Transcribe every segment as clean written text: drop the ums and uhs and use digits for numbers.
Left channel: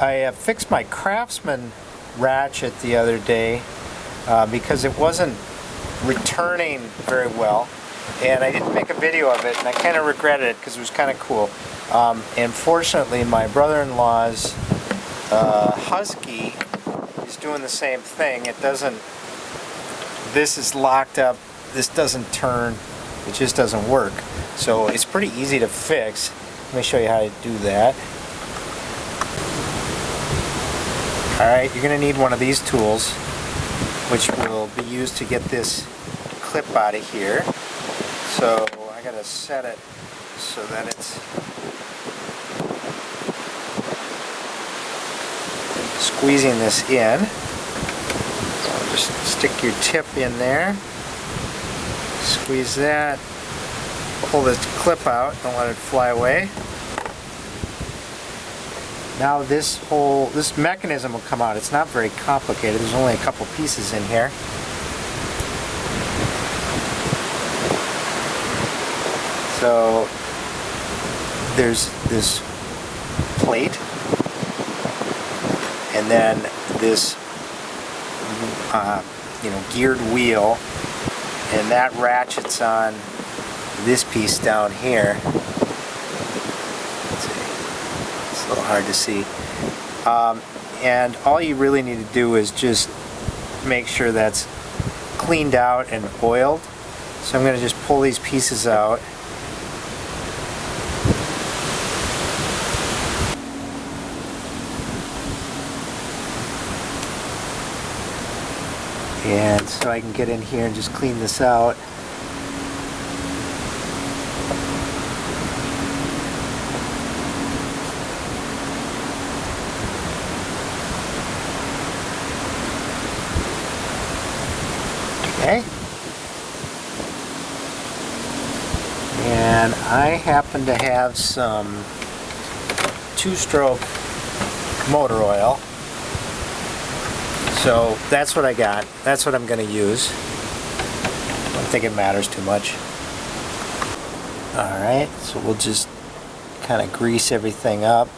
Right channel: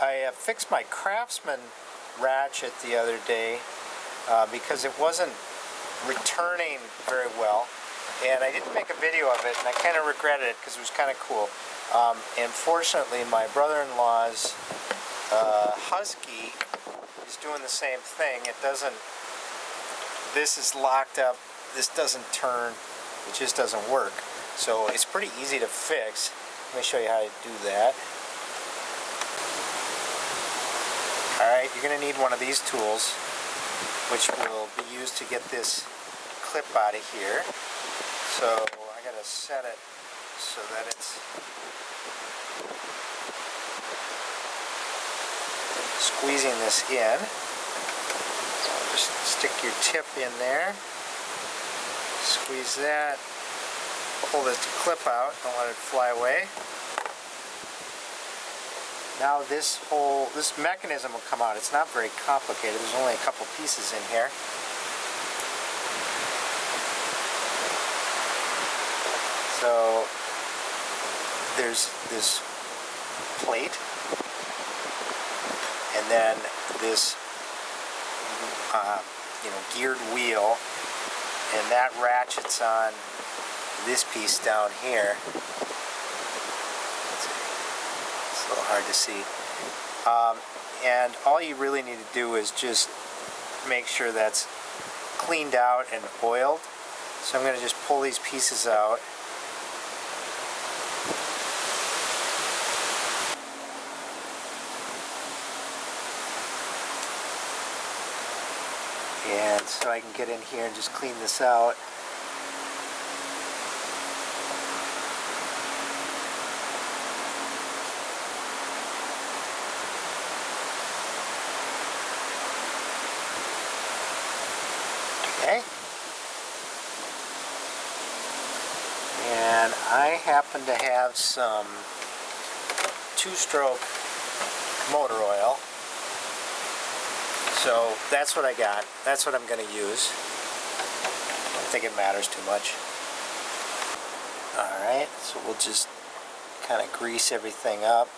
I fixed my Craftsman ratchet the other day because it wasn't returning very well, and I didn't make a video of it, and I kind of regretted it because it was kind of cool. And fortunately, my brother-in-law's Husky is doing the same thing. It doesn't, this is locked up, this doesn't turn, it just doesn't work. So it's pretty easy to fix. Let me show you how to do that. Alright, you're going to need one of these tools, which will be used to get this clip out of here. So I got to set it so that it's squeezing this in. So just stick your tip in there, squeeze that, pull this clip out, don't let it fly away. Now this mechanism will come out. It's not very complicated. There's only a couple pieces in here. So there's this plate, and then this geared wheel, and that ratchets on this piece down here. It's a little hard to see. And all you really need to do is just make sure that's cleaned out and oiled. So I'm going to just pull these pieces out. And so I can get in here and just clean this out. Okay. And I happen to have some two-stroke motor oil. So that's what I got. That's what I'm going to use. I don't think it matters too much. Alright, so we'll just kind of grease everything up.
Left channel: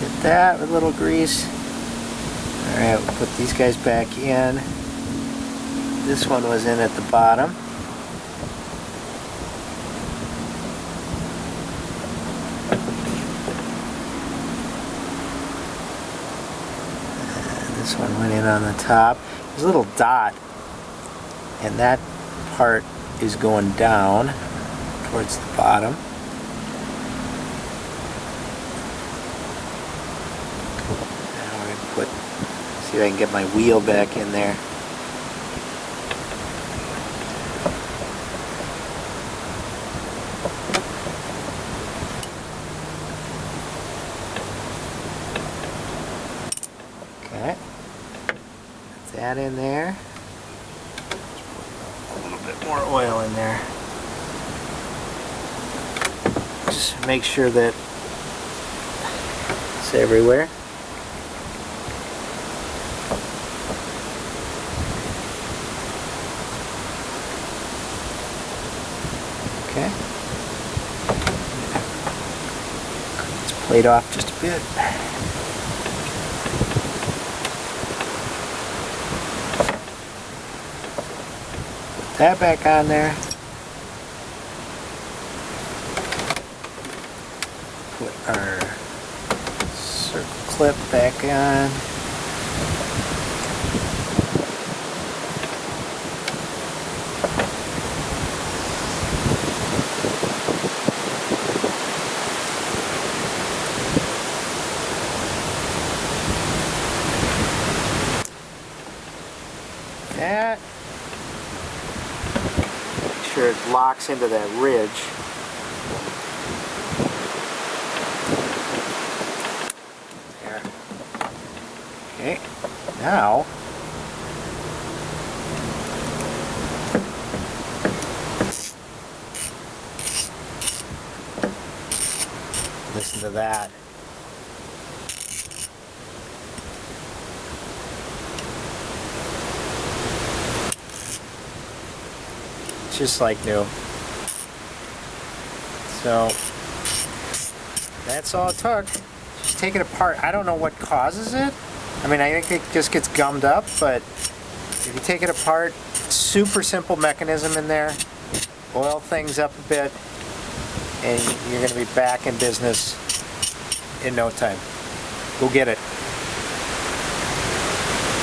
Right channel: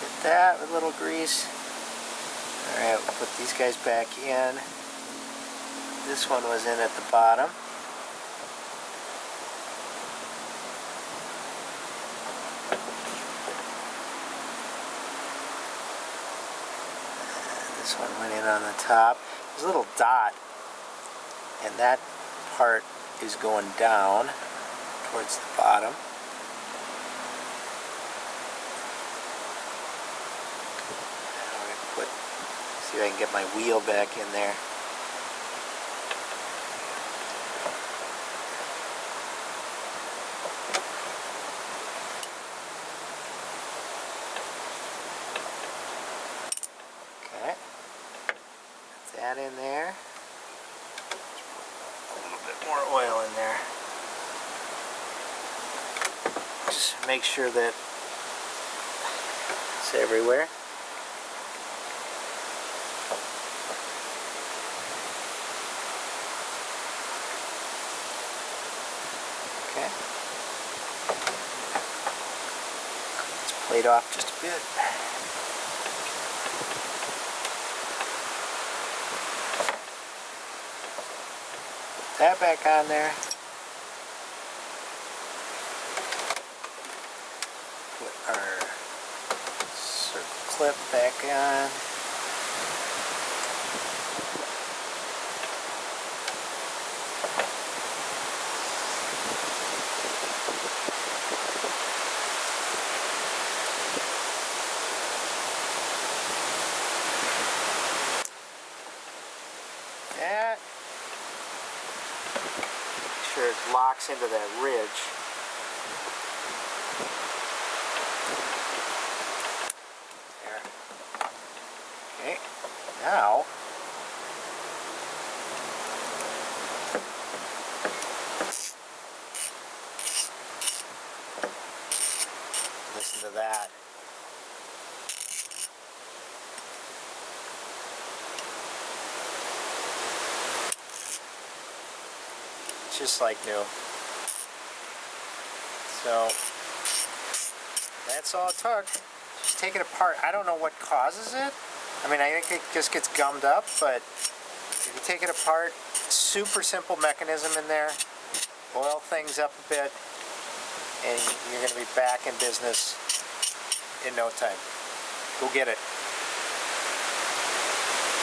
Get that with a little grease. Alright, we'll put these guys back in. This one was in at the bottom. This one went in on the top. There's a little dot, and that part is going down towards the bottom. Now we're going to see if I can get my wheel back in there. Okay. That in there. A little bit more oil in there. Just make sure that it's everywhere. Okay. Clean this plate off just a bit. That back on there. Put our circle clip back on. That. Sure it locks into that ridge. There. Okay, now listen to that. just like new. So that's all it took. Just take it apart. I don't know what causes it. I mean, I think it just gets gummed up, but if you take it apart, super simple mechanism in there. Oil things up a bit, and you're going to be back in business in no time. Go get it.